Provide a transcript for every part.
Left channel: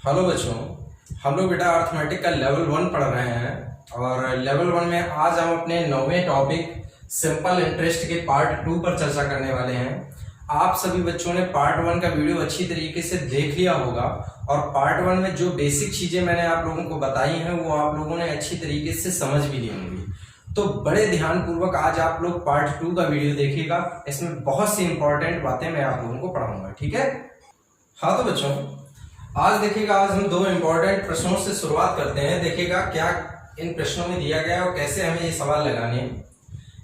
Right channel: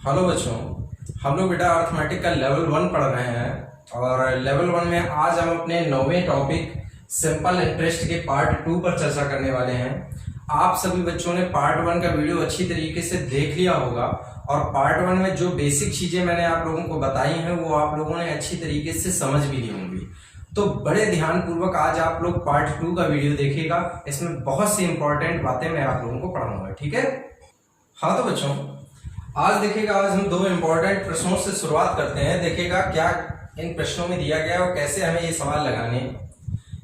Hello बच्चों, हम लोग बेटा अर्थमेटिक का लेवल 1 पढ़ रहे हैं और लेवल 1 में आज हम अपने 9वें टॉपिक सिंपल इंटरेस्ट के पार्ट 2 पर चर्चा करने वाले हैं। आप सभी बच्चों ने पार्ट 1 का वीडियो अच्छी तरीके से देख लिया होगा और पार्ट 1 में जो बेसिक चीजें मैंने आप लोगों को बताई हैं वो आप लोगों ने अच्छी तरीके से समझ भी ली होंगी। तो बड़े ध्यान पूर्वक आज आप लोग पार्ट 2 का वीडियो देखिएगा। इसमें बहुत सी इंपॉर्टेंट बातें मैं आप लोगों को पढ़ाऊंगा, ठीक है। हाँ तो बच्चों, आज देखिएगा, आज हम 2 इंपॉर्टेंट प्रश्नों से शुरुआत करते हैं। देखिएगा क्या इन प्रश्नों में दिया गया और कैसे हमें ये सवाल लगाने हैं।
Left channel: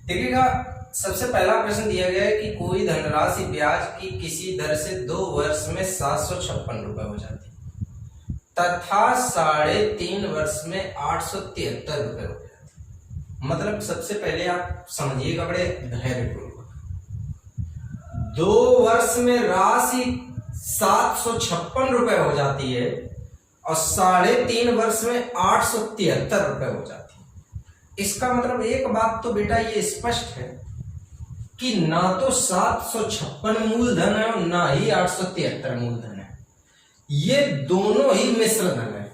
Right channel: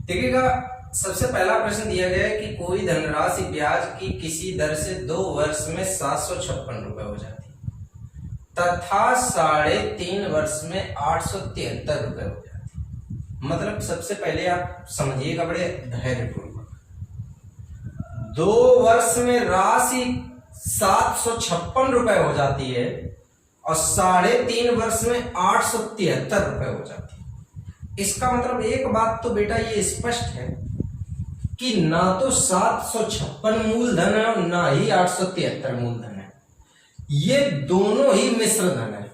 देखिएगा, सबसे पहला प्रश्न दिया गया है कि कोई धनराशि ब्याज की किसी दर से 2 वर्ष में 756 रुपए हो जाती तथा 3.5 वर्ष में 873 रुपए हो जाती। मतलब सबसे पहले आप समझिएगा बड़े धैर्यपूर्वक, 2 वर्ष में राशि 756 रुपए हो जाती है और 3.5 वर्ष में 873 रुपए हो जाती है। इसका मतलब एक बात तो बेटा ये स्पष्ट है कि ना तो 756 मूलधन है और ना ही 873 मूलधन है। ये दोनों ही मिश्र धन है।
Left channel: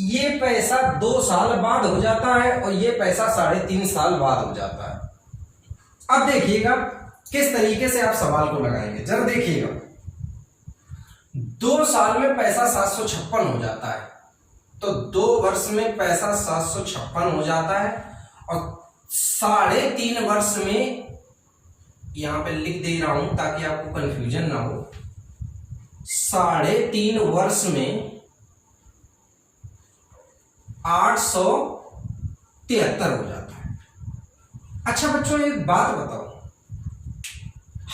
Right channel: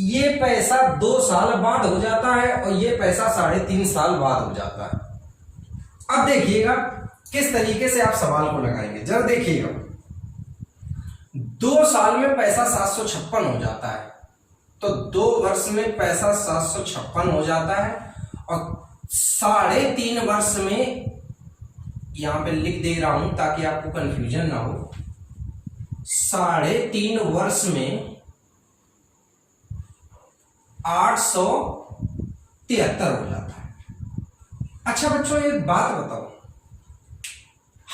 ये पैसा 2 साल बाद हो जाता है और ये पैसा 3.5 साल बाद हो जाता है। अब देखिएगा किस तरीके से आप सवाल को लगाएंगे, जरा देखिएगा। 2 साल में पैसा 756 हो जाता है तो 2 वर्ष में पैसा 756 हो जाता है और 3.5 वर्ष में, यहां पे लिख दे रहा हूं ताकि आपको कंफ्यूजन ना हो, 3.5 वर्ष में 873 हो जाता है। अच्छा बच्चों, एक बात बताओ,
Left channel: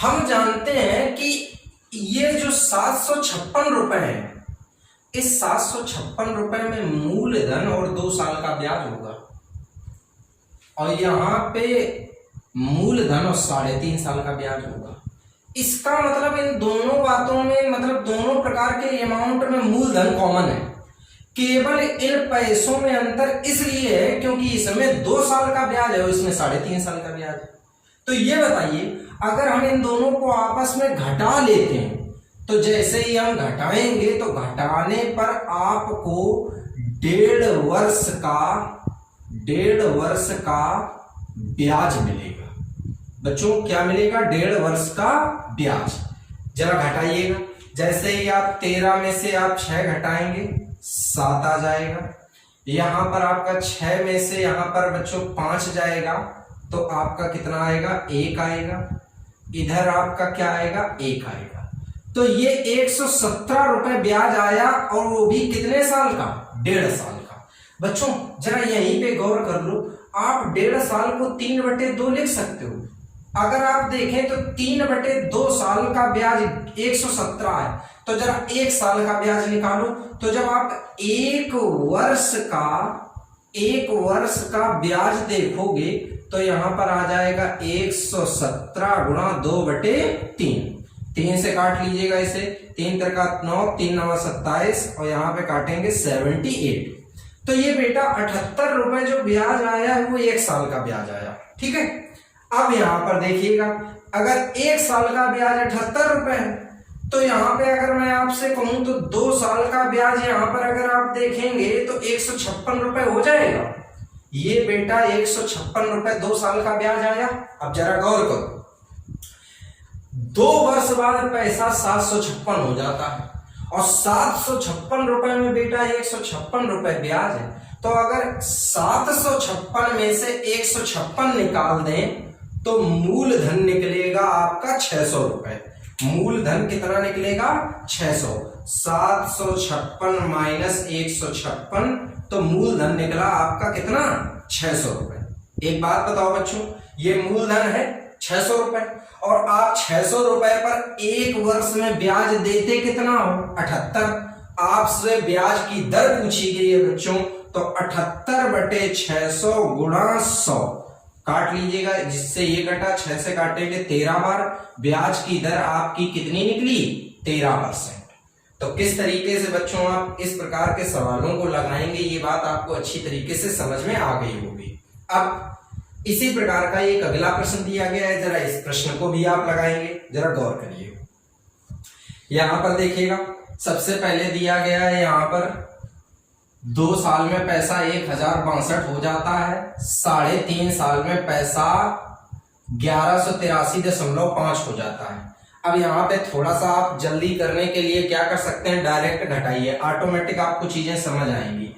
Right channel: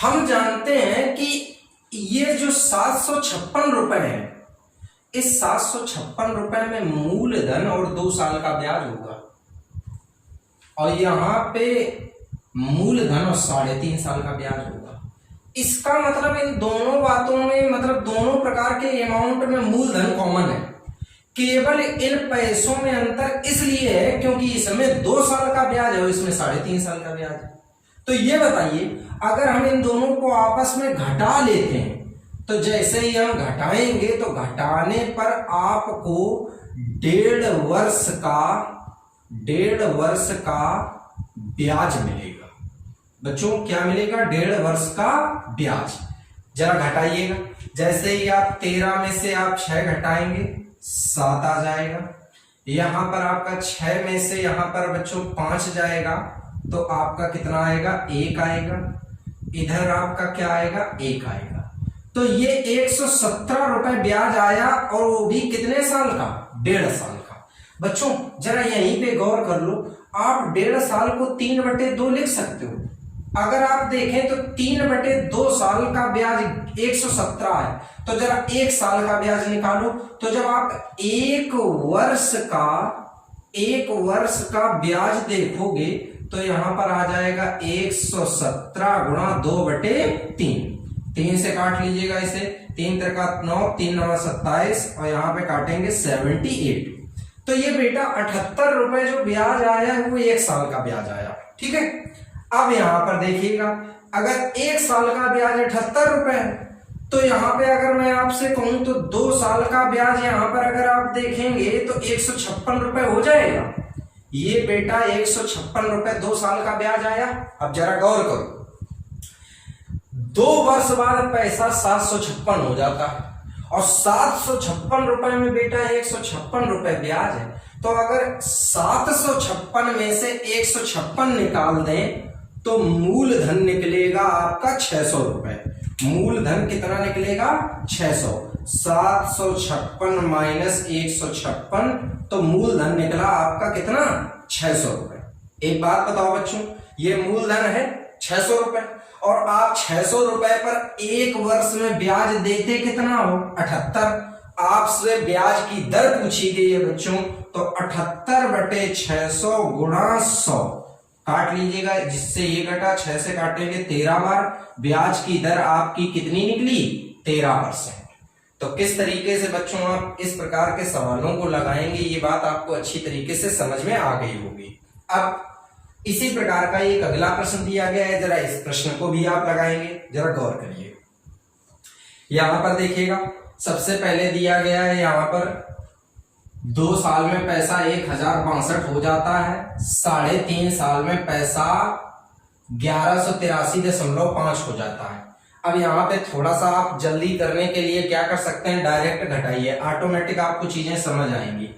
हम जानते हैं कि ये जो 756 रुपए है, इस 756 रुपए में मूलधन और 2 साल का ब्याज होगा और यहां पे मूलधन और 3.5 साल का ब्याज होगा। इसका मतलब इन दोनों बातों में, मतलब दोनों प्रकार के अमाउंट में मूलधन कॉमन है। केवल इन पैसों में अंतर इसलिए है क्योंकि इसमें 2 साल का ब्याज है और इसमें 3.5 साल का ब्याज है। तो ये बताइए, अगर हम इन दोनों को आपस में घटा लेते हैं तो जैसे ही हम घटाएंगे तो घटाने पर आपको 1.5 वर्ष का ब्याज मिलेगा। बच्चों क्या मिलेगा? 1.5 वर्ष का ब्याज। जरा घटाइएगा, जैसे ही आप 13 में से आप 6 घटाएंगे 7 आ जाएगा। यहां पर आपका 6 में से यहां पर बच्चों 5 जाएगा तो आपका कितना आएगा? 1 आएगा। इधर आपका क्या आएगा? 1 आएगा। तो ये 117 रुपए ब्याज आया और वो भी कितने साल का? 1.5 साल का। बच्चों जरा यहीं पे गौर कर लो, आप 1.5 साल को 3/2 लिख सकते हो। अगर आप देखें तो 3/2 साल का ब्याज 117 है, तो जरा 1 साल का ब्याज निकालो। तो जब आप 1 वर्ष का ब्याज देखोगे तो यहां पर आ जाएगा 117 गुणा 2/3। 3 से काट लीजिएगा इसे, 3 त्रिका 9, 3 9 27 और यहां पे काटेंगे 78। तो ये बेटा 78 रुपए जो ब्याज आया है वो 1 साल का ब्याज आया, ठीक है। अब यहां पर देखिएगा, अगर 1 साल का ब्याज 78 रुपए है तो यहां पे अगर मैं आपसे कहूं तो 2 साल का ब्याज यहां पर अगर आप देखेंगे तो 156 रुपए हो जाएगा। ये बेटा 156 रुपए 2 साल का ब्याज आया। अब जरा गौर करो, 2 वर्ष बाद पैसा 756 हो जाता है और 756 रुपए में बेटा 156 रुपए ब्याज है। तो अगर 756 में से 156 निकाल दें तो मूलधन निकलेगा आपका 600 रुपए। मूलधन कितना निकलेगा? 600। 756 माइनस 156 तो मूलधन निकला आपका कितना? 600 रुपए। एक बात बताओ बच्चों, ये मूलधन है 600 रुपए और आप 600 रुपए पर 1 वर्ष में ब्याज देते कितना हो? 78। आपसे ब्याज की दर पूछी गई है बच्चों, तो 78/600 गुणा 100 काट लीजिएगा, जिससे ये कटा, 6 से काटेंगे 13 बार, ब्याज की दर आपकी कितनी निकली? 13%। तो किस तरीके से बच्चों आप इस प्रकार के सवालों को लगाएंगे, ये बात आपको अच्छी तरीके से समझ में आ गई होगी। अब इसी प्रकार का एक अगला प्रश्न दिया गया है, जरा इस प्रश्न को भी आप लगाएंगे, जरा गौर करिए। यहां पर देखिएगा, सबसे पहले दिया गया है यहाँ पर 2 साल में पैसा 1062 हो जाता है, 3.5 साल में पैसा 1183.5 हो जाता है। अब यहाँ पे थोड़ा सा आप जल्दी करने के लिए क्या कर सकते हैं, डायरेक्ट घटाइए, ऑटोमेटिक आपको चीजें समझ आएंगी।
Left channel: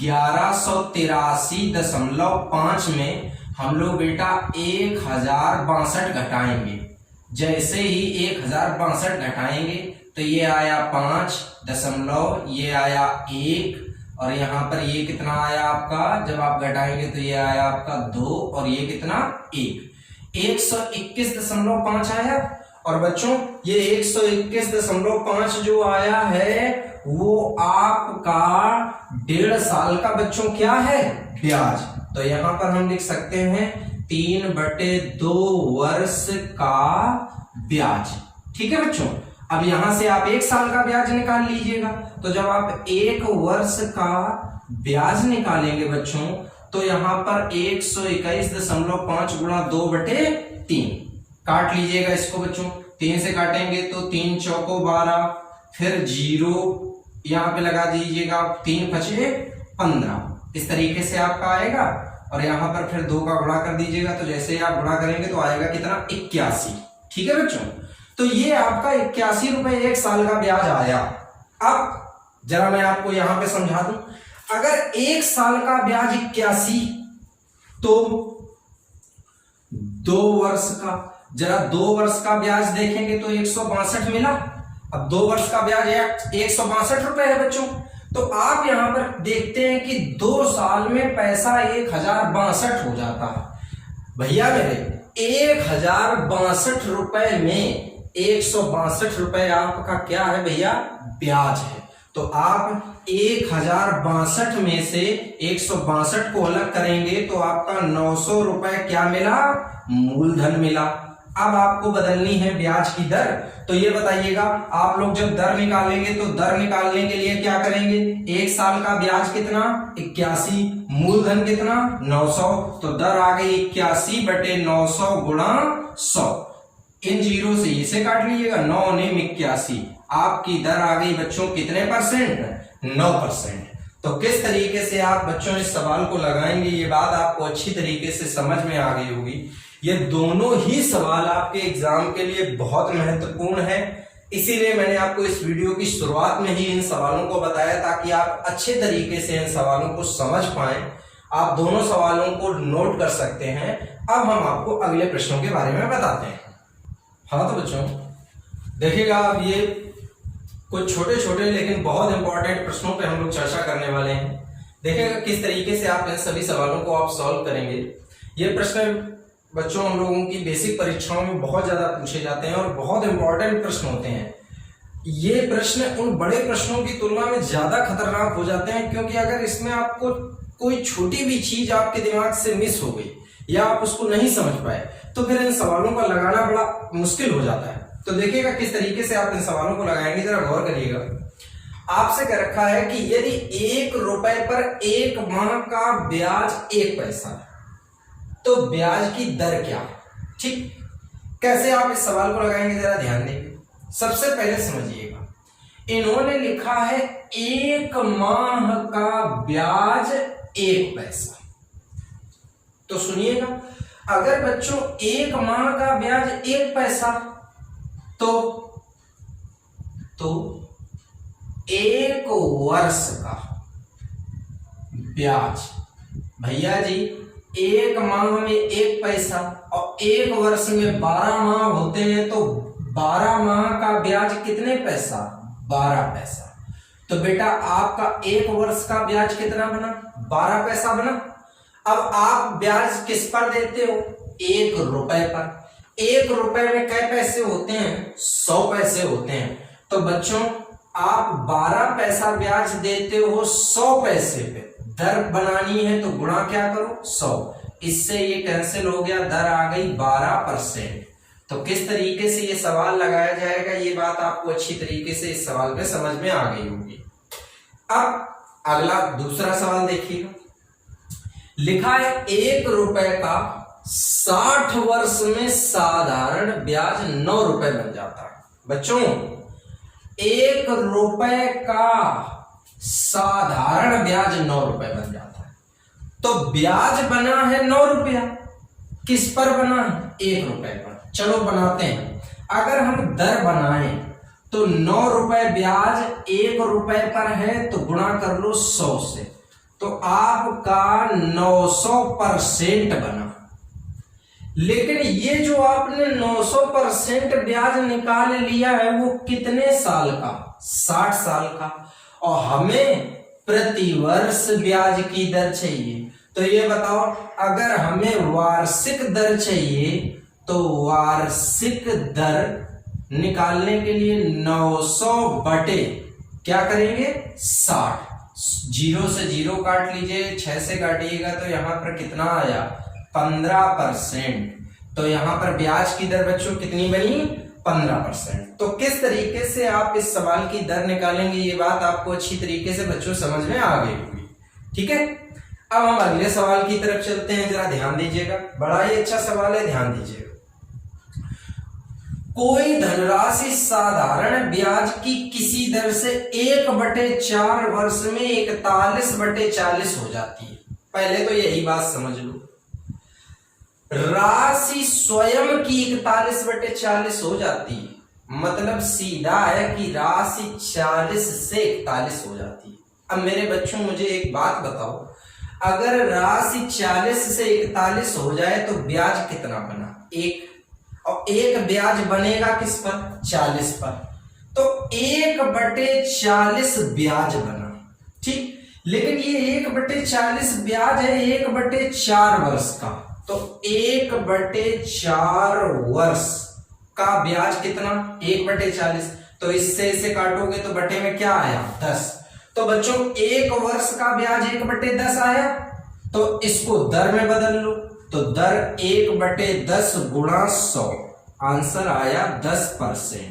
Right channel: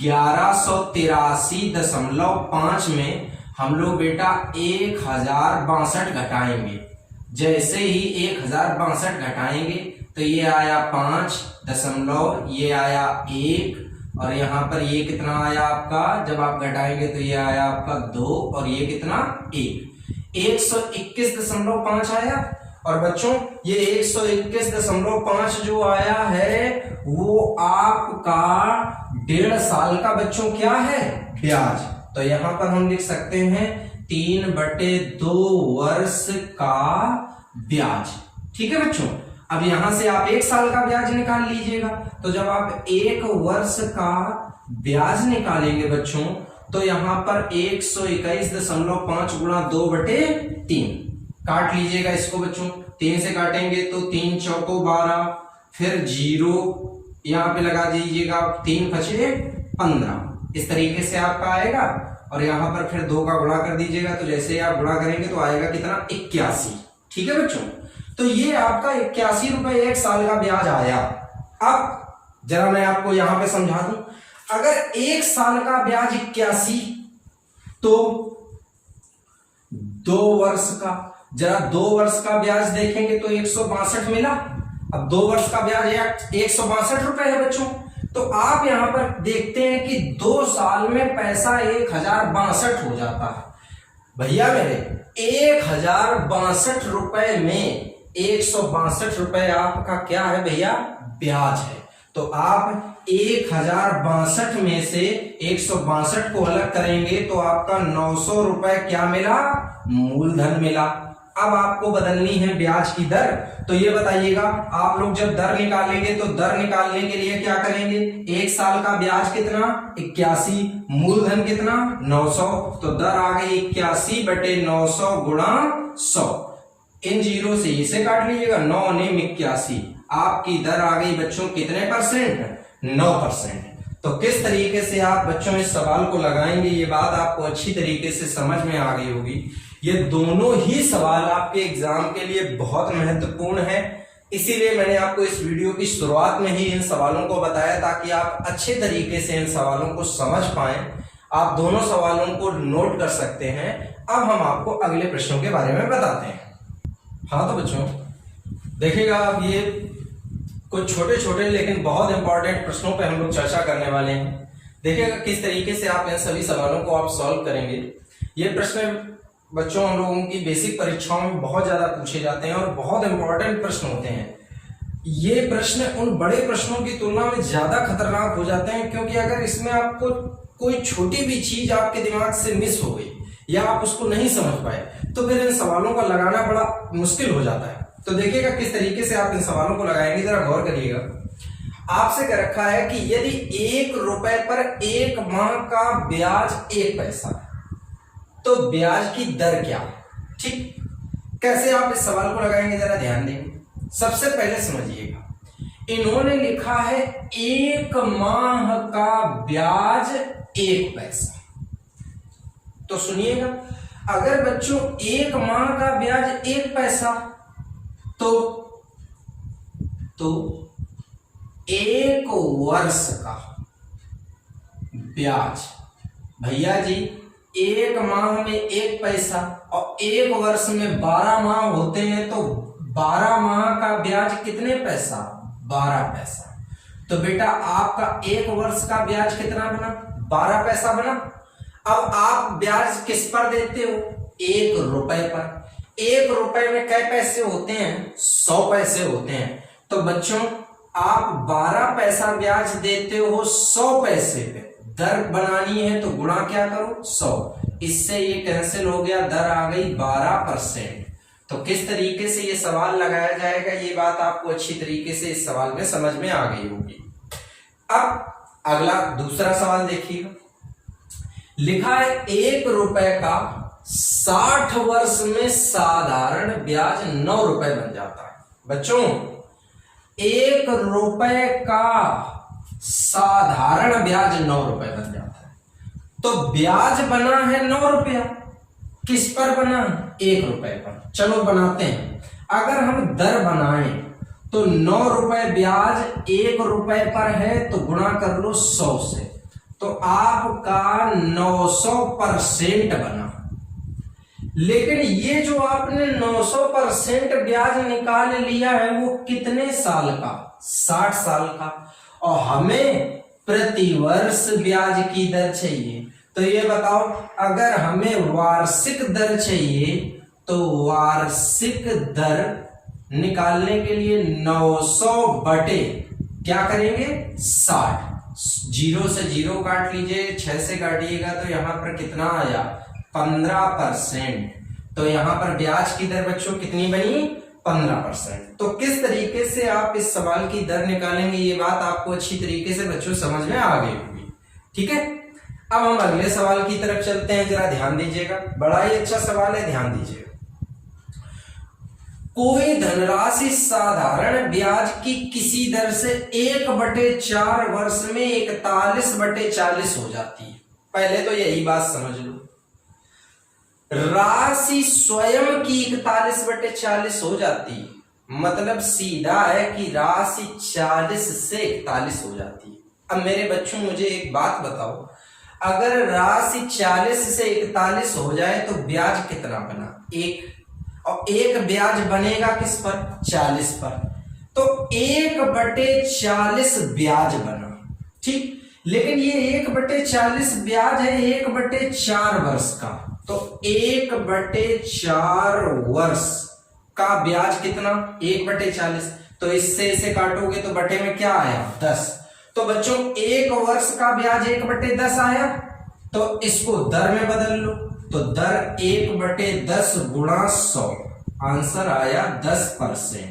1183.5 में हम लोग बेटा 1062 घटाएंगे। जैसे ही 1062 घटाएंगे तो ये आया 5 दशमलव, ये आया 1, और यहाँ पर ये कितना आया आपका, जब आप घटाएंगे तो ये आया आपका 2, और ये कितना 1, 121.5 आया। और बच्चों ये 121.5 जो आया है वो आपका 1.5 साल का बच्चों क्या है, ब्याज। तो यहां पर हम लिख सकते हैं 3/2 वर्ष का ब्याज। ठीक है बच्चों, अब यहां से आप 1 साल का ब्याज निकाल लीजिएगा। तो जब आप 1 वर्ष का ब्याज निकालेंगे बच्चों, तो यहां पर 121.5 गुणा 2/3 काट लीजिएगा इसको बच्चों। 3 से काटेंगे तो 3 चौको 12, फिर 0 यहां पे लगा दीजिएगा, 3 5 15, इस तरीके से आपका आएगा। और यहां पर फिर 2 का गुणा कर दीजिएगा, तो जैसे आप गुणा करेंगे तो आएगा कितना, 81। ठीक है बच्चों, तो ये आपका 81 रुपए 1 साल का ब्याज आया। अब जरा मैं आपको यहां पे समझा दूं, अगर 1 साल का ब्याज 81 तो 2 वर्ष का, जरा 2 वर्ष का ब्याज देखेंगे तो 162 मिला। अब 2 वर्ष का ब्याज 162 रुपए है बच्चों। तो आप यहां पर देखते हैं कि 2 साल में पैसा 1062 हो जाता है। भैया मेरे 1062 रुपए में 162 रुपए आपका क्या है भैया, ब्याज है। तो आप 1062 में से 162 को अलग करेंगे तो आपका 900 रुपए क्या मिला, मूलधन मिला। अब आपको बदलनी है ब्याज की दर। तो ये बताइएगा, आप लोग जब दर निकालेंगे तो दर निकालने के लिए क्या करेंगे, 1 साल का ब्याज कितना 81, मूलधन कितना 900, तो दर आ गई 81/900 गुणा 100। इन जीरो से इसे काट लीजिएगा, 9 ने 81, आपकी दर आ गई बच्चों कितने परसेंट, 9%। तो किस तरीके से आप बच्चों इस सवाल को लगाएंगे, ये बात आपको अच्छी तरीके से समझ में आ गई होगी। ये दोनों ही सवाल आपके एग्जाम के लिए बहुत महत्वपूर्ण है, इसीलिए मैंने आपको इस वीडियो की शुरुआत में ही इन सवालों को बताया ताकि आप अच्छे तरीके से इन सवालों को समझ पाएं। आप दोनों सवालों को नोट कर सकते हैं। अब हम आपको अगले प्रश्नों के बारे में बताते हैं। हाँ तो बच्चों देखिएगा, अब ये कुछ छोटे छोटे लेकिन बहुत इंपॉर्टेंट प्रश्नों पे हम लोग चर्चा करने वाले हैं। देखिएगा किस तरीके से आप इन सभी सवालों को आप सॉल्व करेंगे। ये प्रश्न बच्चों हम लोगों की बेसिक परीक्षाओं में बहुत ज्यादा पूछे जाते हैं और बहुत इंपॉर्टेंट प्रश्न होते हैं। ये प्रश्न उन बड़े प्रश्नों की तुलना में ज्यादा खतरनाक हो जाते हैं, क्योंकि अगर इसमें आपको कोई छोटी भी चीज आपके दिमाग से मिस हो गई या आप उसको नहीं समझ पाए तो फिर इन सवालों का लगाना बड़ा मुश्किल हो जाता है। तो देखिएगा किस तरीके से आप इन सवालों को लगाएंगे, जरा गौर करिएगा। आपसे कह रखा है कि यदि 1 रुपए पर 1 माह का ब्याज 1 पैसा तो ब्याज की दर क्या है। ठीक, कैसे आप इस सवाल को लगाएंगे जरा ध्यान देंगे। सबसे पहले समझिएगा, इन्होंने लिखा है 1 माह का ब्याज 1 पैसा। तो सुनिएगा, अगर बच्चों 1 माह का ब्याज 1 पैसा तो 1 वर्ष का ब्याज, भैया जी 1 माह में 1 पैसा और 1 वर्ष में 12 माह होते हैं, तो 12 माह का ब्याज कितने पैसा, 12 पैसा। तो बेटा आपका 1 वर्ष का ब्याज कितना बना, 12 पैसा बना। अब आप ब्याज किस पर देते हो, 1 रुपए पर। 1 रुपए में कै पैसे होते हैं, 100 पैसे होते हैं। तो बच्चों आप 12 पैसा ब्याज देते हो 100 पैसे पे। दर बनानी है तो गुणा क्या करो, 100। इससे ये कैंसिल हो गया, दर आ गई 12%। तो किस तरीके से ये सवाल लगाया जाएगा, ये बात आपको अच्छी तरीके से इस सवाल में समझ में आ गई होगी। अब अगला दूसरा सवाल देखिएगा, लिखा है 1 रुपए का 60 वर्ष में साधारण ब्याज 9 रुपए बन जाता है। बच्चों ₹1 का साधारण ब्याज 9 रुपए बन जाता है। तो ब्याज बना है 9 रुपया, किस पर बना है? 1 रुपए पर। चलो बनाते हैं। अगर हम दर बनाएं तो 9 रुपए ब्याज 1 रुपए पर है तो गुणा कर लो 100 से, तो आपका 900% बना। लेकिन ये जो आपने 900% ब्याज निकाल लिया है वो कितने साल का? 60 साल का। और हमें प्रतिवर्ष ब्याज की दर चाहिए, तो ये बताओ, अगर हमें वार्षिक दर चाहिए तो वार्षिक दर निकालने के लिए 900 बटे क्या करेंगे? 60। 0 से 0 काट लीजिए, 6 से काटिएगा तो यहां पर कितना आया? 15%। तो यहां पर ब्याज की दर बच्चों कितनी बनी? 15%। तो किस तरीके से आप इस सवाल की दर निकालेंगे, ये बात आपको अच्छी तरीके से बच्चों समझ में आ गई होगी। ठीक है, अब हम अगले सवाल की तरफ चलते हैं। जरा ध्यान दीजिएगा, बड़ा ही अच्छा सवाल है, ध्यान दीजिएगा। कोई धनराशि साधारण ब्याज की किसी दर से 1/4 वर्ष में 41/40 हो जाती है। पहले तो यही बात समझ लो, राशि स्वयं की 41/40 हो जाती है, मतलब सीधा है कि राशि 40 से 41 हो जाती है। अब मेरे बच्चों मुझे एक बात बताओ, अगर राशि 40 से 41 हो जाए तो ब्याज कितना बना? 1। और 1 ब्याज बनेगा किस पर? 40 पर। तो 1/40 ब्याज बना। ठीक, लेकिन ये 1/40 ब्याज है 1/4 वर्ष का, तो 1/4 वर्ष का ब्याज कितना? 1/40। तो इससे इसे काटोगे तो बटे में क्या आया? 10। तो बच्चों 1 वर्ष का ब्याज 1/10 आया, तो इसको दर में बदल लो, तो दर 1/10 गुणा 100, आंसर आया 10%।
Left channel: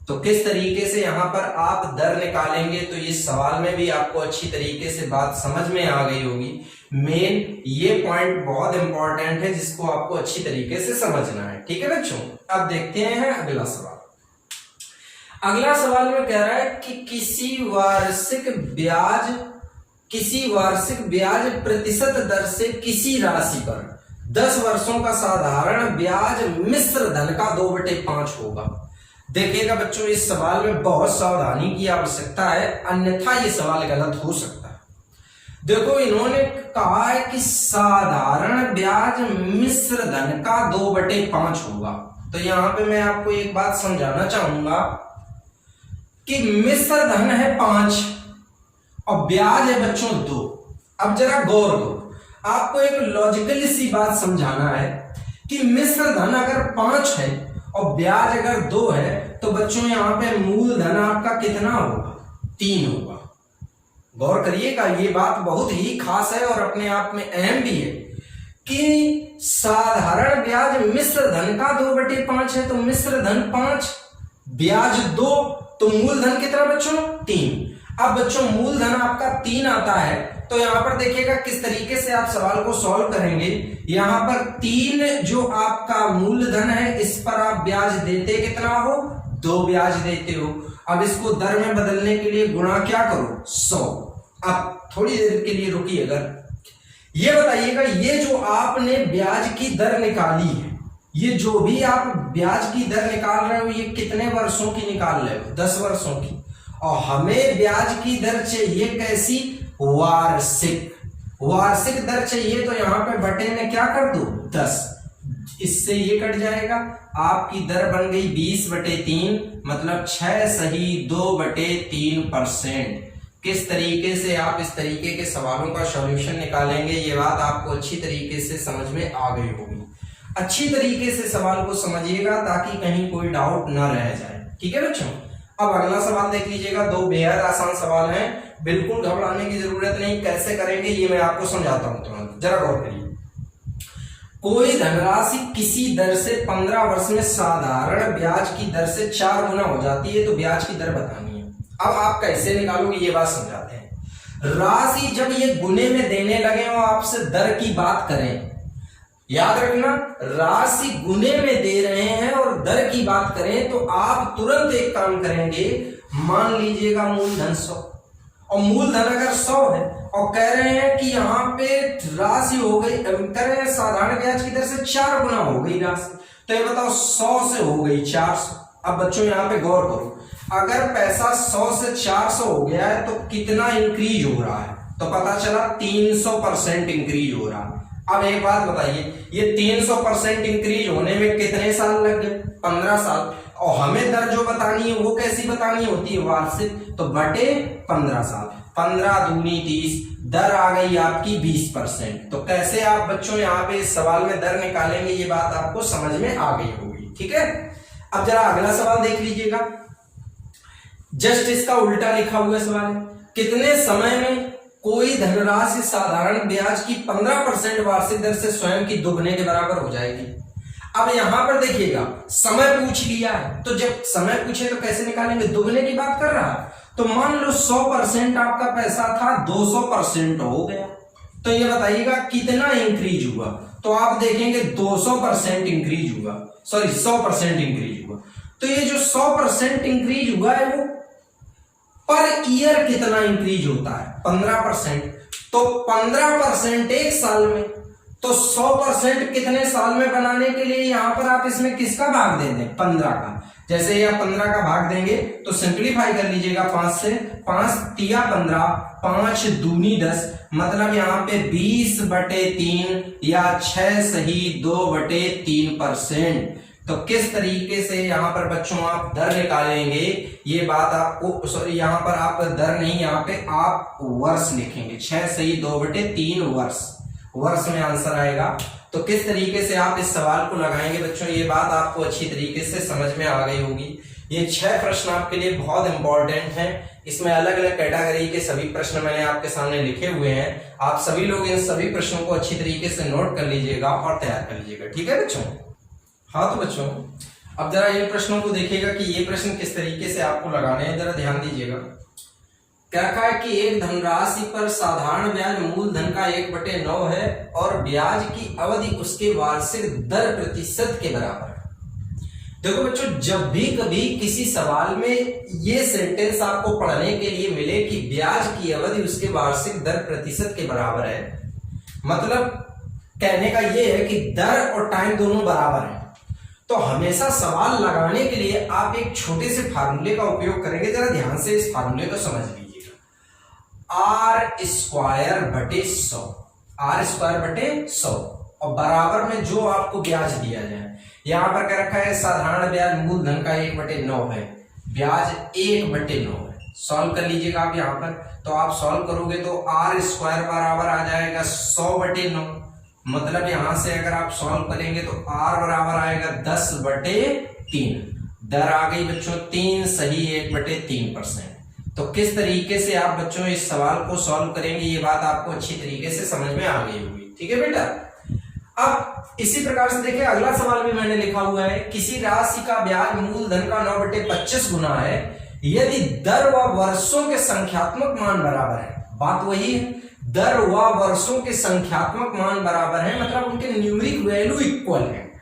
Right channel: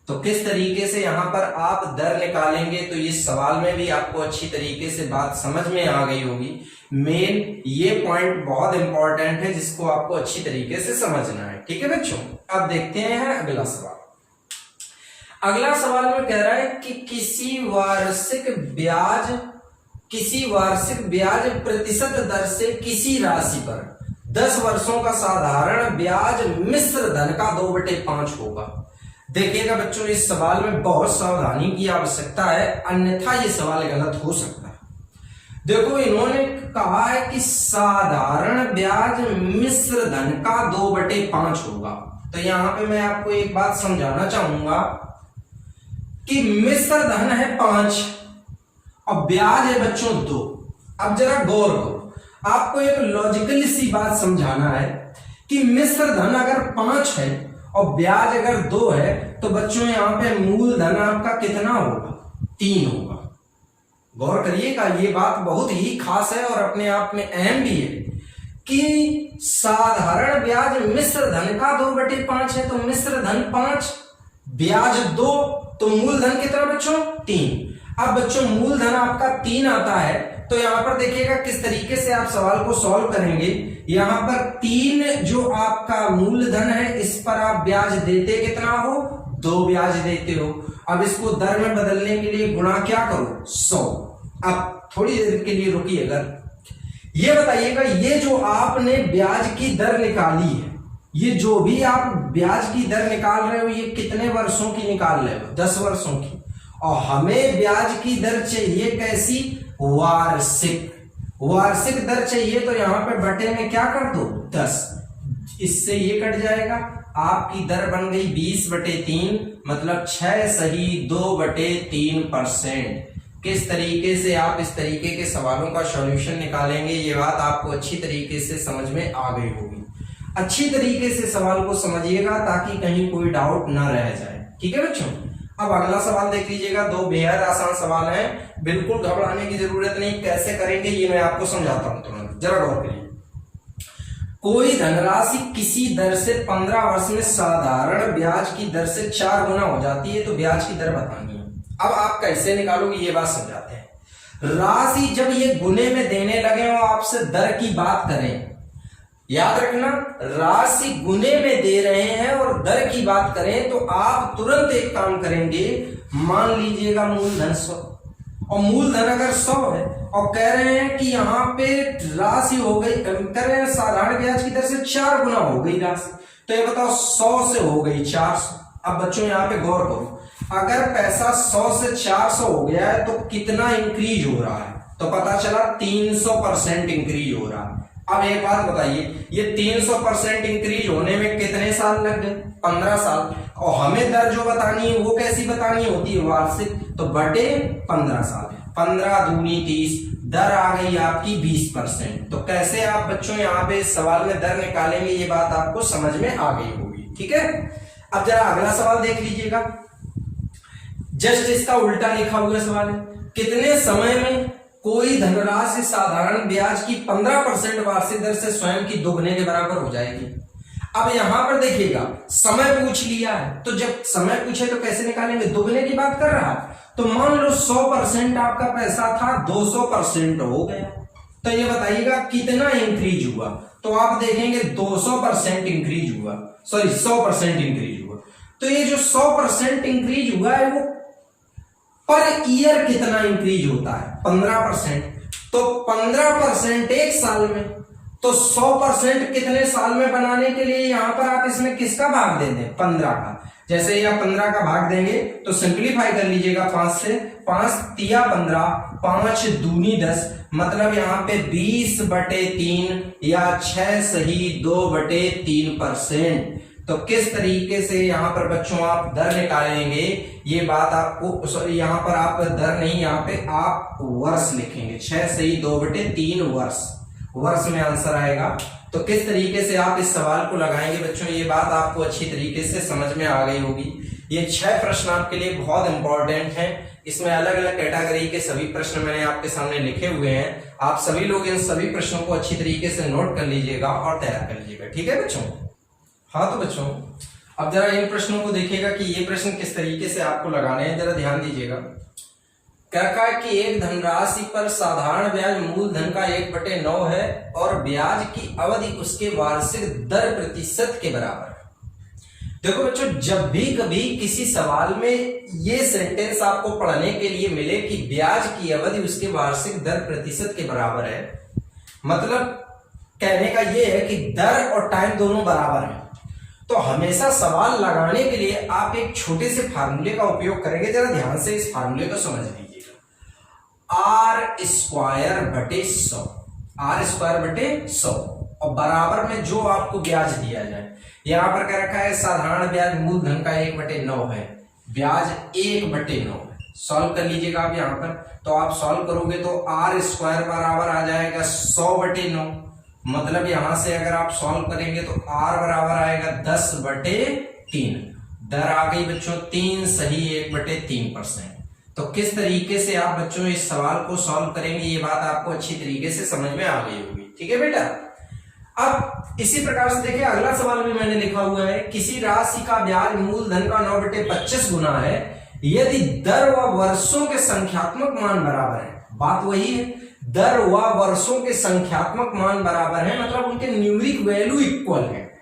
तो किस तरीके से यहां पर आप दर निकालेंगे, तो इस सवाल में भी आपको अच्छी तरीके से बात समझ में आ गई होगी। मेन ये पॉइंट बहुत इंपॉर्टेंट है जिसको आपको अच्छी तरीके से समझना है। ठीक है बच्चों, अब देखते हैं अगला सवाल। अगला सवाल में कह रहा है कि किसी वार्षिक ब्याज प्रतिशत दर से किसी राशि पर 10 वर्षों का साधारण ब्याज मिश्र धन का 2/5 होगा। देखिएगा बच्चों, इस सवाल में बहुत सावधानी की आवश्यकता है, अन्यथा ये सवाल गलत हो सकता है। देखो, इन्होंने कहा है कि साधारण ब्याज मिश्र धन का 2/5 होगा। तो यहां पे मैं आपको एक बात समझाना चाहूंगा कि मिश्र धन है 5 और ब्याज है बच्चों 2। अब जरा गौर करो, आपको एक लॉजिकल सी बात समझाना है कि मिश्र धन अगर 5 है और ब्याज अगर 2 है, तो बच्चों यहां पे मूलधन आपका कितना होगा? 3 होगा। गौर करिएगा, ये बात बहुत ही खास है और अपने आप में अहम भी है कि साधारण ब्याज मिश्र धन का 2/5 है, तो मिश्र धन 5, ब्याज 2, तो मूलधन कितना बच्चों? 3। अब बच्चों मूलधन आपका 3 आता है, तो यहां पर देखिएगा किस तरीके से आप सवाल को सॉल्व करेंगे। यहां पर 3 जो आपका मूलधन है, इस पर आप ब्याज देते कितना हो? 2 ब्याज देते हो। अब इसको दर में बदलने के लिए गुणा क्या करो? 100। अब थोड़ी देर के लिए रुकिएगा, ये बताइएगा, ये जो आपने ब्याज की दर निकाली है, ये जो भी आप ब्याज की दर निकाल रहे हो, ये कितने वर्षों की निकाल रहे हो? 10 वर्षों की। और हमें ब्याज की दर चाहिए कैसी? वार्षिक दर चाहिए, तो यहां पे बटे में क्या कर दो? 10। इससे ये कट जाएगा, आपकी दर बन गई 20/3, मतलब 6 सही 2/3%। किस तरीके से आप इस तरीके के सवालों का सॉल्यूशन निकालेंगे, ये बात आपको अच्छी तरीके से समझ में आ गई होगी। अच्छी तरीके से सवाल को समझिएगा ताकि कहीं कोई डाउट ना रह जाए। ठीक है बच्चों, अब अगला सवाल देख लीजिएगा। 2 बेहद आसान सवाल हैं, बिल्कुल घबराने की जरूरत नहीं। कैसे करेंगे ये मैं आपको समझाता हूं, तुरंत जरा गौर करिए। कोई धनराशि किसी दर से 15 वर्ष में साधारण ब्याज की दर से 4 गुना हो जाती है, तो ब्याज की दर बतानी है। अब आप कैसे निकालोगे ये बात समझाते हैं। राशि जब ये गुने में देने लगे और आपसे दर की बात करें, याद रखना, राशि गुने में दे रहे हैं और दर की बात करें, तो आप तुरंत एक काम करेंगे, मान लीजिएगा मूलधन 100, और मूलधन अगर 100 है और कह रहे हैं कि यहाँ पे राशि हो गई, कह रहे हैं साधारण ब्याज की दर से 4 गुना हो गई राशि, तो ये बताओ 100 से हो गई 400। अब बच्चों यहाँ पे गौर करो, अगर पैसा 100 से 400 हो गया है तो कितना इंक्रीज हो रहा है, तो पता चला 300% इंक्रीज हो रहा है। अब एक बात बताइए, ये 300% इंक्रीज होने में कितने साल लग गए? 15 साल। और हमें दर जो बतानी है वो कैसी बतानी होती है? वार्षिक, तो बटे 15 साल। 15 दूनी 30, दर आ गई आपकी 20%। तो कैसे आप बच्चों यहाँ पे इस सवाल में दर निकालेंगे, ये बात आपको समझ में आ गई होगी। ठीक है, अब जरा अगला सवाल देख लीजिएगा, जस्ट इसका उल्टा लिखा हुआ सवाल है, कितने समय में कोई धनराशि साधारण ब्याज की 15% वार्षिक दर से स्वयं की दोगुने के बराबर हो जाएगी। अब यहां पर देखिएगा, समय पूछ लिया है, तो जब समय पूछे तो कैसे निकालेंगे? दोगुने की बात कर रहा है, तो मान लो 100% आपका पैसा था, 200% हो गया, तो ये बताइएगा कितना इंक्रीज हुआ? तो आप देखेंगे 200% इंक्रीज हुआ, सॉरी 100% इंक्रीज हुआ। तो ये जो 100% इंक्रीज हुआ है वो पर ईयर कितना इंक्रीज होता है? 15%। तो 15% एक साल में, तो 100% कितने साल में बनाने के लिए यहां पर आप इसमें किसका भाग दे दें? 15 का। जैसे ही आप 15 का भाग देंगे तो सिंप्लीफाई कर लीजिएगा 5 से, 5 तिया 15, 5 दूनी 10, मतलब यहां पे 20/3 या 6 सही 2/3%। तो किस तरीके से यहां पर बच्चों आप दर निकालेंगे, ये बात आपको, सॉरी यहां पर आप दर नहीं, यहां पे आप वर्ष लिखेंगे, 6 सही 2/3 वर्ष, वर्ष में आंसर आएगा। तो किस तरीके से आप इस सवाल को लगाएंगे बच्चों, ये बात आपको अच्छी तरीके से समझ में आ गई होगी। ये 6 प्रश्न आपके लिए बहुत इंपॉर्टेंट हैं, इसमें अलग अलग कैटेगरी के सभी प्रश्न मैंने आपके सामने लिखे हुए हैं। आप सभी लोग इन सभी प्रश्नों को अच्छी तरीके से नोट कर लीजिएगा और तैयार कर लीजिएगा। ठीक है बच्चों? हाँ, तो बच्चों अब जरा इन प्रश्नों को देखिएगा कि ये प्रश्न किस तरीके से आपको लगाने हैं, जरा ध्यान दीजिएगा। क्या कहा है कि एक धनराशि पर साधारण ब्याज मूलधन का 1/9 है और ब्याज की अवधि उसके वार्षिक दर प्रतिशत के बराबर है। देखो बच्चों, जब भी कभी किसी सवाल में ये सेंटेंस आपको पढ़ने के लिए मिले कि ब्याज की अवधि उसके वार्षिक दर प्रतिशत के बराबर है, मतलब कहने का ये है कि दर और टाइम दोनों बराबर है, तो हमेशा सवाल लगाने के लिए आप एक छोटे से फार्मूले का उपयोग करेंगे। जरा ध्यान से इस फार्मूले को समझ लीजिएगा, R² बटे 100 और बराबर में जो आपको ब्याज दिया जाए। यहां पर क्या रखा है? साधारण ब्याज मूलधन का 1/9 है, ब्याज 1/9 है। सॉल्व कर लीजिएगा आप यहां पर, तो आप सॉल्व करोगे तो R² बराबर आ जाएगा 100/9, मतलब यहां से अगर आप सॉल्व करेंगे तो R बराबर आएगा 10/3। दर आ गई बच्चों 3 सही 1/3%। तो किस तरीके से आप बच्चों इस सवाल को सॉल्व करेंगे, ये बात आपको अच्छी तरीके से समझ में आ गई होगी। ठीक है बेटा? अब इसी प्रकार से देखिए, अगला सवाल भी मैंने लिखा हुआ है, किसी राशि का ब्याज मूलधन का 9/25 गुना है यदि दर व वर्षों के संख्यात्मक मान बराबर है। बात वही है, दर व वर्षों के संख्यात्मक मान बराबर है, मतलब उनके न्यूमेरिक वैल्यू इक्वल है।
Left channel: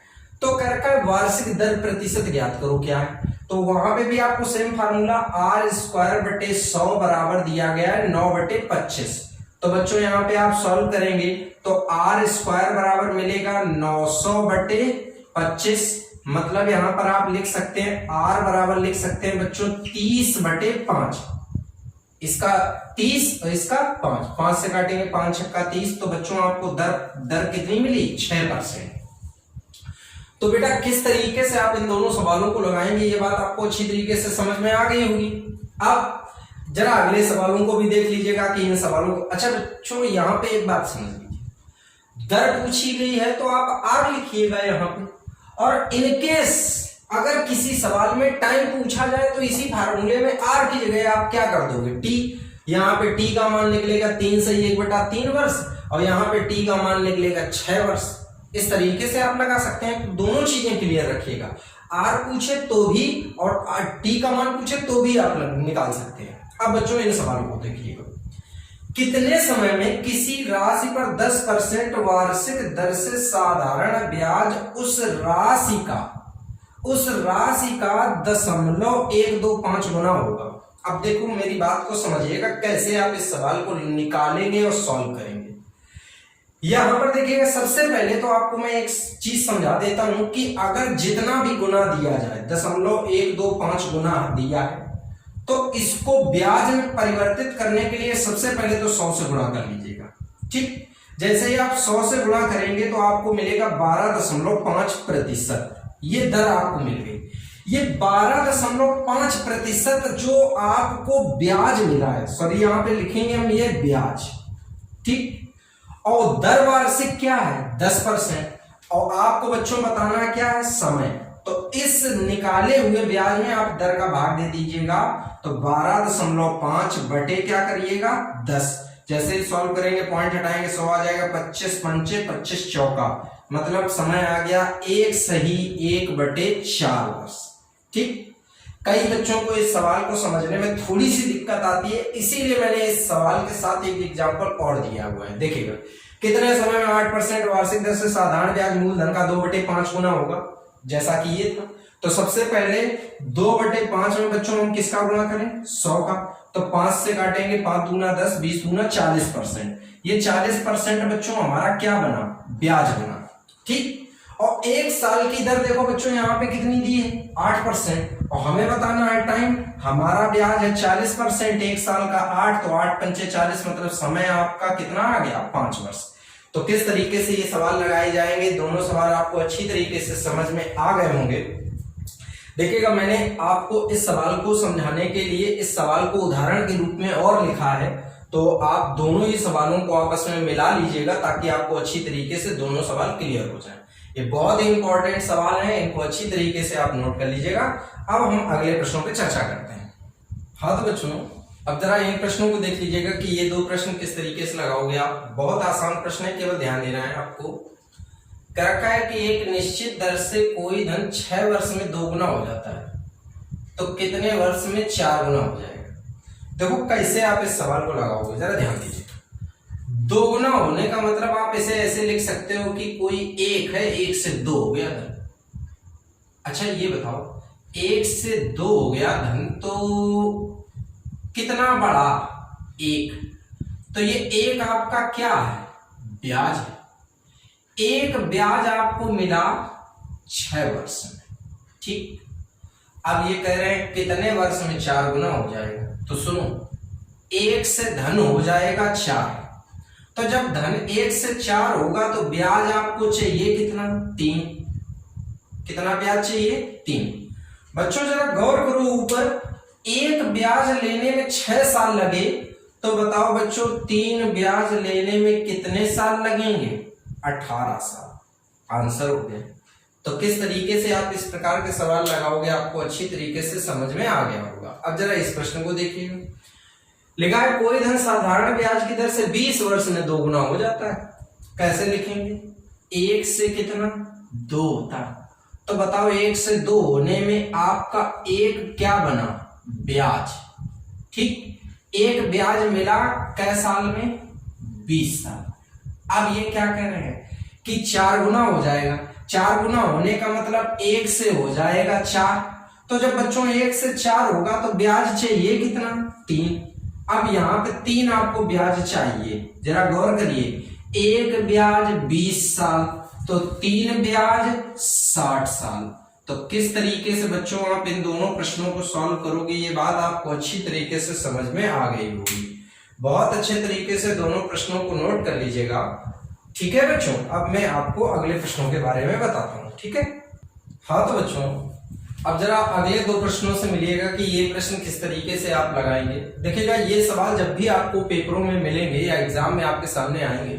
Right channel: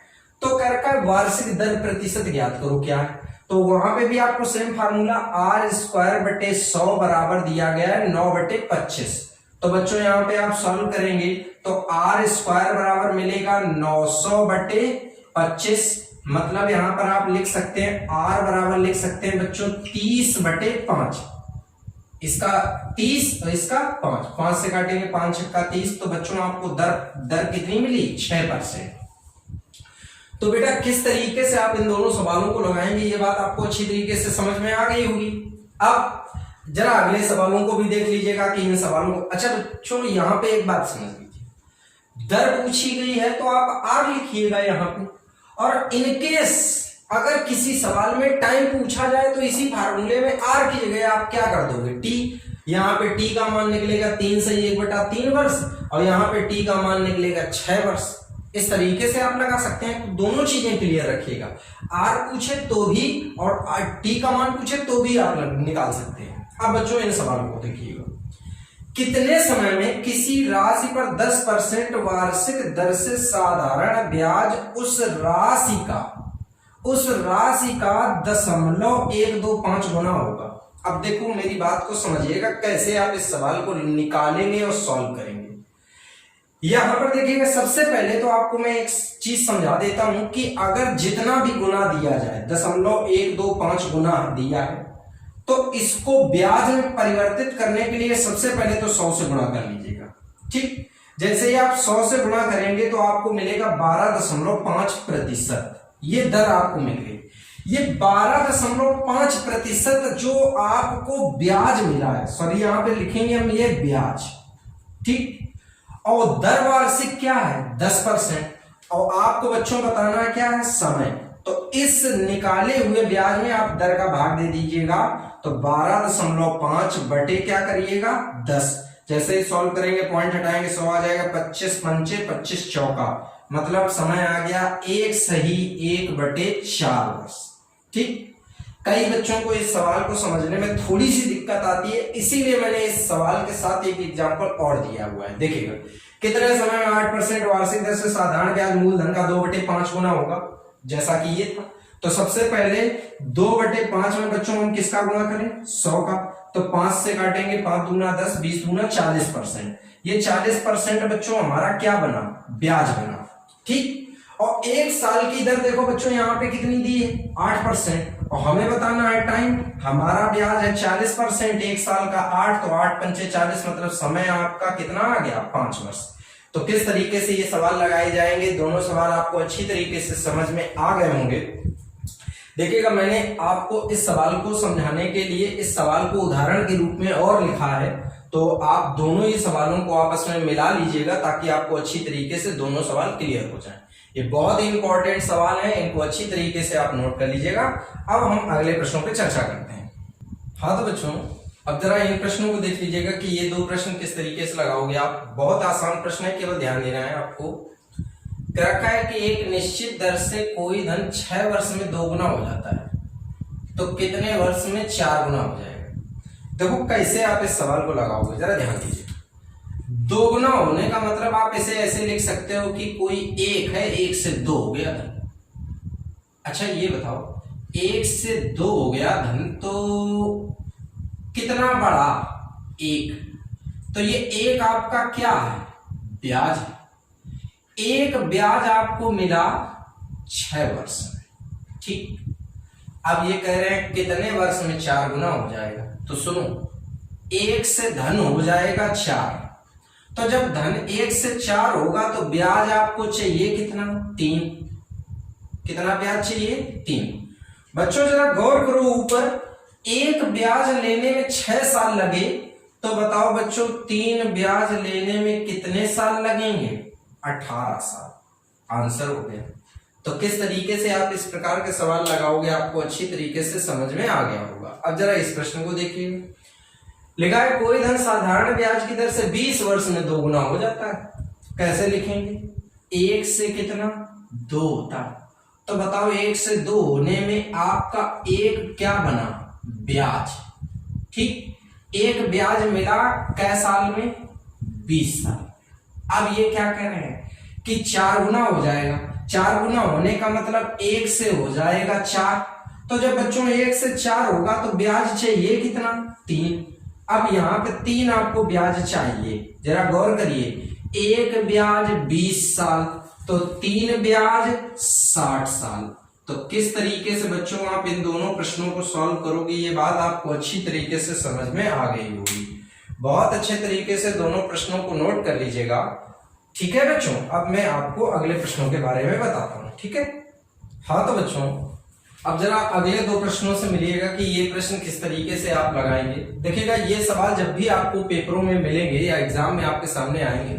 तो कर का वार्षिक दर प्रतिशत ज्ञात करो क्या है, तो वहां पे भी आपको सेम फार्मूला R² बटे 100 बराबर दिया गया है 9/25। तो बच्चों यहाँ पे आप सॉल्व करेंगे तो R² बराबर मिलेगा 900/25, मतलब यहां पर आप लिख सकते हैं R बराबर लिख सकते हैं बच्चों 30/5। इसका 30 और इसका 5, 5 से काटेंगे 5 छक्का 30, तो बच्चों आपको दर कितनी मिली? 6%। तो बेटा किस तरीके से आप इन दोनों सवालों को लगाएंगे, ये बात आपको अच्छी तरीके से समझ में आ गई होगी। अब जरा अगले सवालों को भी देख लीजिएगा कि इन सवालों को, अच्छा बच्चों यहां पे एक बात समझ लीजिए, दर पूछी गई है तो आप R लिखिएगा यहां पे, और इनकेस अगर किसी सवाल में टाइम पूछा जाए तो इसी फार्मूले में R की जगह आप क्या कर दोगे? T। यहाँ पे T का मान निकलेगा 3 सही 1/3 वर्ष, और यहाँ पे T का मान निकलेगा 6 वर्ष। इस तरीके से आप लगा सकते हैं। तो दोनों चीजें क्लियर रखिएगा, R पूछे तो भी और T का मान पूछे तो भी आप निकाल सकते हैं। अब बच्चों इन सवालों को देखिएगा, कितने समय में किसी राशि पर 10% वार्षिक दर से साधारण ब्याज उस राशि का 0.125 गुना होगा। अब देखो मेरी बात को समझिएगा कैसे आप इस सवाल को निकालेंगे और सॉल्व करेंगे। यहां पर देखिएगा, सबसे पहले तो आपको मैं एक चीज समझा देता हूं कि अगर जितना भी गुना दिया जाए 0.125 गुना दिया है तो इसको ब्याज में परिवर्तित करने के लिए सबसे पहले तो 100 से गुणा कर लीजिएगा। ठीक, जैसे ही आप 100 से गुणा करेंगे तो आपको मिलेगा 12.5%। ये दर आपको मिल गई। ये 12.5% जो आपको ब्याज मिला है, सॉरी यहां पे लिखेंगे हम ये ब्याज, ठीक, और दर वार्षिक क्या है 10%, और आपको बच्चों बताना क्या है समय। तो इस निकाले हुए ब्याज में आप दर का भाग दे दीजिएगा, तो 12.5 बटे क्या करिएगा 10। जैसे ही सॉल्व करेंगे पॉइंट हटाएंगे 100 आ जाएगा, 25 पंचे 25 चौका, मतलब समय आ गया 1 सही 1/4 वर्ष। ठीक, कई बच्चों को इस सवाल को समझने में थोड़ी सी दिक्कत आती है, इसीलिए मैंने इस सवाल के साथ एक एग्जांपल और दिया हुआ है। देखिएगा कितने समय में 8% वार्षिक दर से साधारण ब्याज मूलधन का 2/5 गुना होगा, जैसा कि ये था। तो सबसे पहले 2/5 में बच्चों हम किसका गुणा करें 100 का, तो 5 से काटेंगे 5 दूना 10, 20 दूना 40%। ये 40% बच्चों हमारा क्या बना ब्याज बना। ठीक, और एक साल की दर देखो बच्चों यहाँ पे कितनी दी है 8%, और हमें बताना है टाइम, हमारा ब्याज है 40%, एक साल का 8, तो 8 पंचे 40, मतलब समय आपका कितना आ गया 5 वर्ष। तो किस तरीके से ये सवाल लगाए जाएंगे, दोनों सवाल आपको अच्छी तरीके से समझ में आ गए होंगे। देखिएगा मैंने आपको इस सवाल को समझाने के लिए इस सवाल को उदाहरण के रूप में और लिखा है, तो आप दोनों ही सवालों को आपस में मिला लीजिएगा ताकि आपको अच्छी तरीके से दोनों सवाल क्लियर हो जाए। ये बहुत ही इंपॉर्टेंट सवाल है, इनको अच्छी तरीके से आप नोट कर लीजिएगा। अब हम अगले प्रश्नों पे चर्चा करते हैं। हाँ तो बच्चों, अब जरा इन प्रश्नों को देख लीजिएगा कि ये 2 प्रश्न किस तरीके से लगाओगे आप। बहुत आसान प्रश्न है, केवल ध्यान देना है आपको। कह रखा है कि एक निश्चित दर से कोई धन 6 वर्ष में 2 गुना हो जाता है, तो कितने वर्ष में 4 गुना हो जाएगा। देखो कैसे आप इस सवाल को लगाओगे, जरा ध्यान दीजिए। 2 गुना होने का मतलब आप इसे ऐसे लिख सकते हो कि कोई 1 है, 1 से 2 हो गया धन। अच्छा ये बताओ 1 से 2 हो गया धन, तो कितना बड़ा 1, तो ये 1 आपका क्या है ब्याज है। 1 ब्याज आपको मिला 6 वर्ष में। ठीक, अब ये कह रहे हैं कितने वर्ष में 4 गुना हो जाएगा, तो सुनो 1 से धन हो जाएगा 4, तो जब धन 1 से 4 होगा तो ब्याज आपको चाहिए कितना 3। कितना ब्याज चाहिए 3। बच्चों जरा गौर करो, ऊपर 1 ब्याज लेने में 6 साल लगे, तो बताओ बच्चों 3 ब्याज लेने में कितने साल लगेंगे 18 साल। आंसर हो गया। तो किस तरीके से आप इस प्रकार के सवाल लगाओगे आपको अच्छी तरीके से समझ में आ गया होगा। अब जरा इस प्रश्न को देखिए, लिखा है कोई धन साधारण ब्याज की दर से 20 वर्ष में 2 गुना हो जाता है। कैसे लिखेंगे, 1 से कितना 2 होता है, तो बताओ 1 से 2 होने में आपका 1 क्या बना ब्याज। ठीक, 1 ब्याज मिला कै साल में 20 साल। अब ये क्या कह रहे हैं कि 4 गुना हो जाएगा। 4 गुना होने का मतलब 1 से हो जाएगा 4, तो जब बच्चों 1 से 4 होगा तो ब्याज चाहिए कितना 3। अब यहां पे 3 आपको ब्याज चाहिए, जरा गौर करिए, 1 ब्याज 20 साल, तो 3 ब्याज 60 साल। तो किस तरीके से बच्चों आप इन दोनों प्रश्नों को सॉल्व करोगे, ये बात आपको अच्छी तरीके से समझ में आ गई होगी। बहुत अच्छे तरीके से दोनों प्रश्नों को नोट कर लीजिएगा। ठीक है बच्चों, अब मैं आपको अगले प्रश्नों के बारे में बताता हूं। ठीक है, हाँ तो बच्चों अब जरा अगले 2 प्रश्नों से मिलिएगा कि ये प्रश्न किस तरीके से आप लगाएंगे। देखिएगा ये सवाल जब भी आपको पेपरों में मिलेंगे या एग्जाम में आपके सामने आएंगे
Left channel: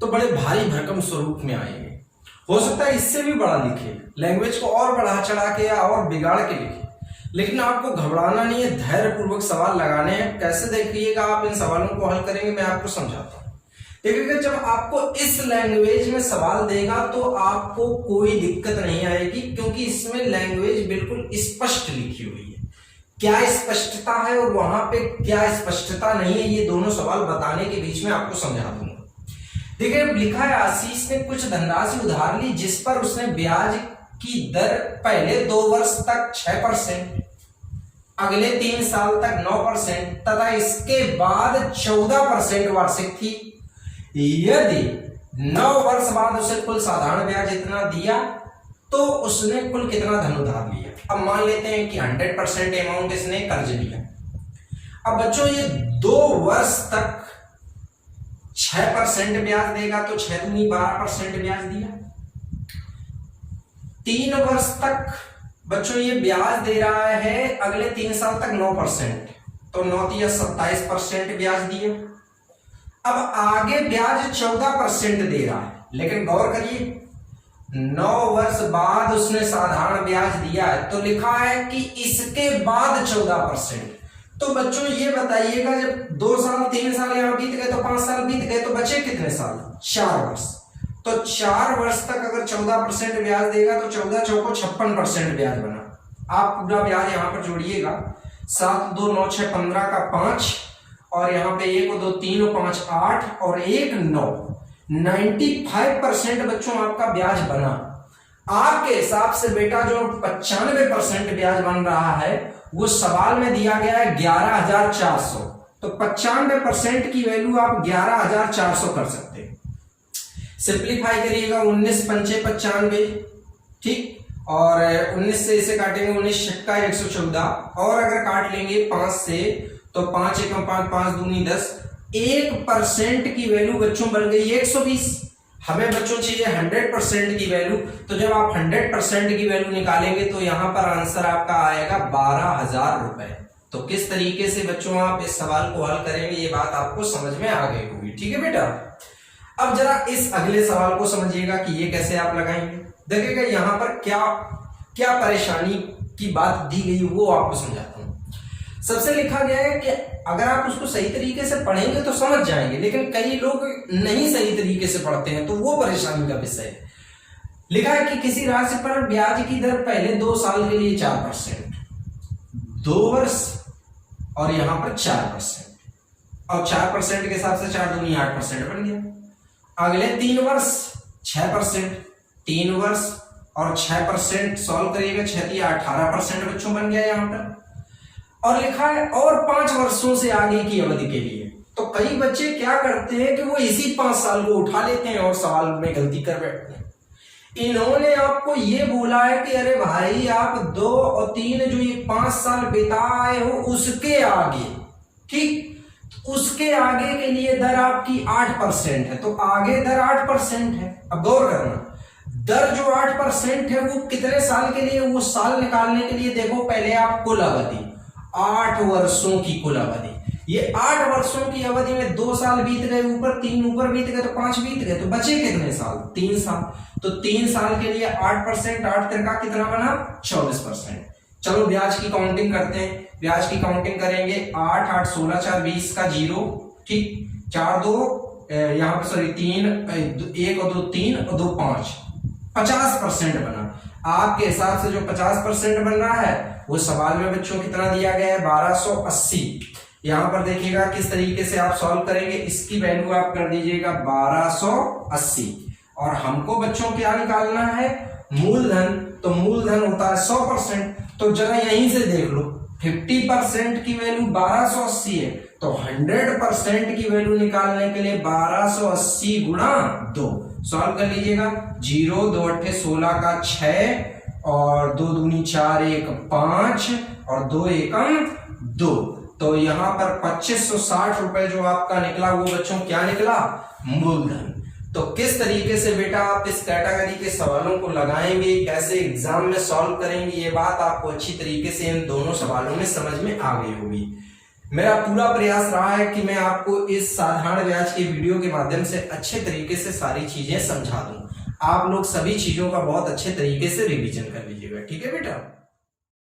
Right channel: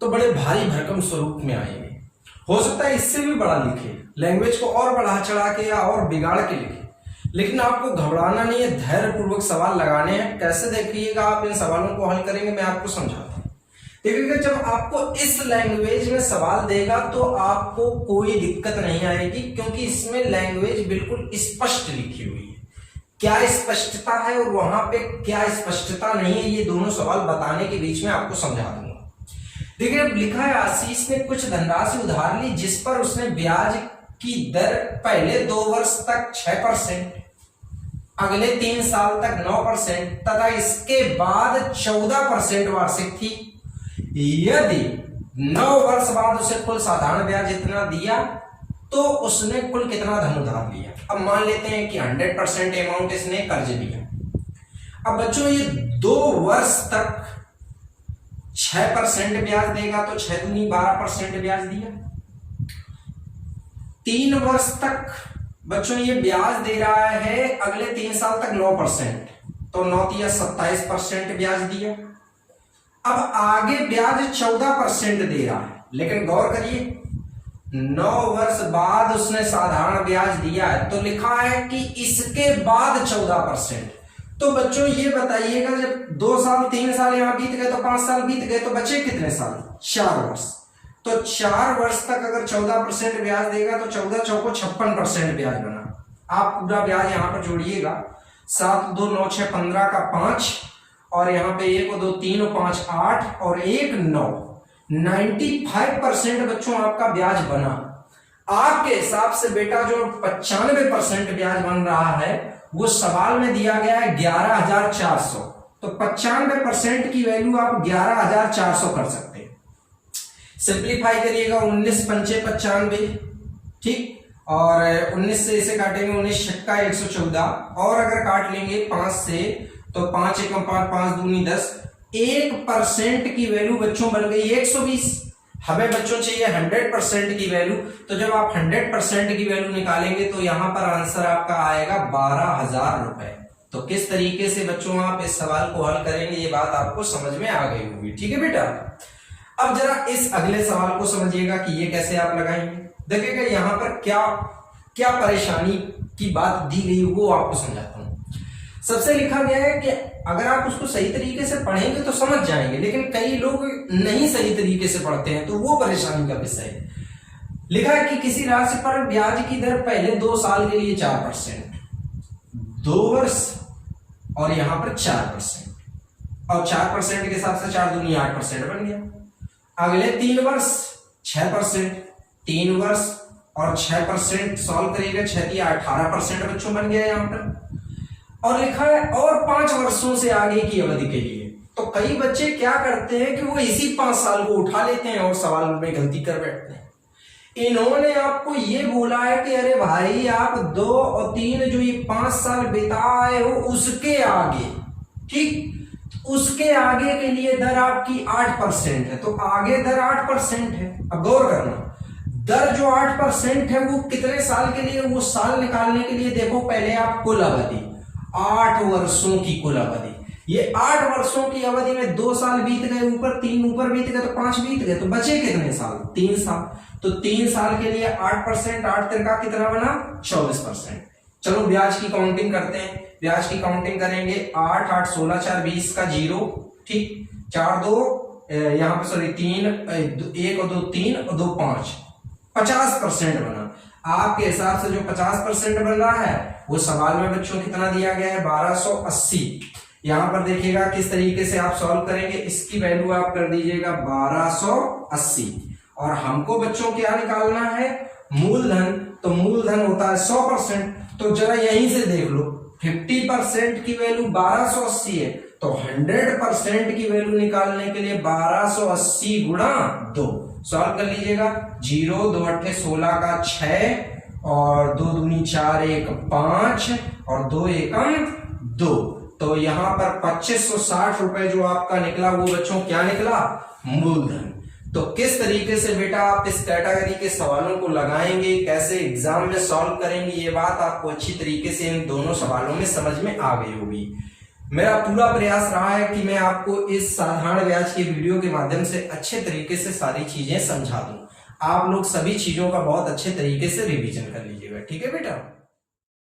तो बड़े भारी भरकम स्वरूप में आएंगे। हो सकता है इससे भी बड़ा लिखे, लैंग्वेज को और बढ़ा चढ़ा के या और बिगाड़ के लिखे, लेकिन आपको घबराना नहीं है, धैर्य पूर्वक सवाल लगाने हैं। कैसे देखिएगा आप इन सवालों को हल करेंगे, मैं आपको समझाता हूं। देखिएगा जब आपको इस लैंग्वेज में सवाल देगा तो आपको कोई दिक्कत नहीं आएगी, क्योंकि इसमें लैंग्वेज बिल्कुल स्पष्ट लिखी हुई है। क्या स्पष्टता है और वहां पे क्या स्पष्टता नहीं है, ये दोनों सवाल बताने के बीच में आपको समझा दूंगा। देखिए लिखा है आशीष ने कुछ धनराशि उधार ली जिस पर उसने ब्याज की दर पहले 2 वर्ष तक 6%, अगले 3 साल तक 9% तथा इसके बाद 14% वार्षिक थी। यदि 9 वर्ष बाद उसे कुल साधारण ब्याज इतना दिया तो उसने कुल कितना धन उधार लिया। अब मान लेते हैं कि 100% अमाउंट इसने कर्ज लिया। अब बच्चों ये 2 वर्ष तक 6% ब्याज देगा तो 6 दूनी 12% ब्याज दिया। 3 वर्ष तक बच्चों ये ब्याज दे रहा है, अगले 3 साल तक 9%, तो 9 या 27% ब्याज दिया। अब आगे ब्याज 14% दे रहा है, लेकिन गौर करिए 9 वर्ष बाद उसने साधारण ब्याज दिया है तो लिखा है कि इसके बाद 14%। तो बच्चों ये बताइएगा जब 2 साल 3 साल यहां बीत गए तो 5 साल बीत गए तो बचे कितने साल? 4 वर्ष। तो 4 वर्ष तक अगर 14% ब्याज देगा तो 14 चौको 56% ब्याज बना। आप पूरा ब्याज यहां पर जोड़िएगा, 7 2 9 6 15 का 5 और यहाँ पे 1 2 3 5 8 और 1 9, 95% बच्चों आपका ब्याज बना। आपके हिसाब से बेटा जो 95% ब्याज बन रहा है वो सवाल में दिया गया है 11,400, तो 95% की वैल्यू आप 11,400 कर सकते हैं। सिंप्लीफाई करिएगा 19 पंचे 95, ठीक, और 19 से इसे काटेंगे 19 छक्का 114, और अगर काट लेंगे 5 से तो 5 एकम 5 5 दूनी 10, 1% की वैल्यू बच्चों बन गई 120। हमें बच्चों चाहिए 100% की वैल्यू, तो जब आप 100% की वैल्यू निकालेंगे तो यहां पर आंसर आपका आएगा 12,000 रुपए। तो किस तरीके से बच्चों आप इस सवाल को हल करेंगे ये बात आपको समझ में आ गई होगी, ठीक है बेटा। अब जरा इस अगले सवाल को समझिएगा कि ये कैसे आप लगाएंगे। देखिएगा यहां पर क्या क्या परेशानी की बात दी गई वो आपको समझाता हूं। सबसे लिखा गया है कि अगर आप उसको सही तरीके से पढ़ेंगे तो समझ जाएंगे, लेकिन कई लोग नहीं सही तरीके से पढ़ते हैं तो वो परेशानी का विषय है। लिखा है कि किसी राशि पर ब्याज की दर पहले 2 साल के लिए 4%, 2 वर्ष और यहां पर 4%, और 4% के हिसाब से 4 दूनी 8% बन गया। अगले 3 वर्ष 6%, 3 वर्ष और 6% सॉल्व करिएगा, 6 या 18% बच्चों बन गया यहां पर। और लिखा है और 5 वर्षों से आगे की अवधि के लिए। तो कई बच्चे क्या करते हैं कि वो इसी 5 साल को उठा लेते हैं और सवाल में गलती कर बैठते हैं। इन्होंने आपको ये बोला है कि अरे भाई आप 2 और 3 जो ये 5 साल बिताए हो उसके आगे, ठीक, उसके आगे के लिए दर आपकी 8% है, तो आगे दर 8% है। अब गौर करना, दर जो 8% है वो कितने साल के लिए, वो साल निकालने के लिए देखो पहले आप कुल अवधि, 8 वर्षों की कुल अवधि। ये 8 वर्षों की अवधि में 2 साल बीत गए, ऊपर 3 ऊपर बीत गए तो 5 बीत गए, तो बचे कितने साल? 3 साल। तो 3 साल के लिए 8%, 8 तिरका कितना बना? 24%। चलो ब्याज की काउंटिंग करते हैं। ब्याज की काउंटिंग करेंगे 8 8 16 4 20 का 0, ठीक, 4 2 यहाँ पे सॉरी 3 1 और 2 3 और 2 5, 50% बना। आपके हिसाब से जो 50% बन रहा है वो सवाल में बच्चों कितना दिया गया है? 1280। यहां पर देखिएगा किस तरीके से आप सॉल्व करेंगे, इसकी वैल्यू आप कर दीजिएगा 1280, और हमको बच्चों क्या निकालना है? मूलधन। तो मूलधन होता है 100%, तो जरा यहीं से देख लो 50% की वैल्यू 1280 है, तो 100% की वैल्यू निकालने के लिए 1280 गुणा 2 सॉल्व कर लीजिएगा। 0 2 8 16 का 6 और 2 दूनी 4 1 5 और 2 एकम 2, तो यहां पर 2560 रुपए जो आपका निकला वो बच्चों क्या निकला? मूलधन। तो किस तरीके से बेटा आप इस कैटेगरी के सवालों को लगाएंगे, कैसे एग्जाम में सॉल्व करेंगे, ये बात आपको अच्छी तरीके से इन दोनों सवालों में समझ में आ गई होगी। मेरा पूरा प्रयास रहा है कि मैं आपको इस साधारण ब्याज के वीडियो के माध्यम से अच्छे तरीके से सारी चीजें समझा दूं। आप लोग सभी चीजों का बहुत अच्छे तरीके से रिवीजन कर लीजिएगा, ठीक है बेटा।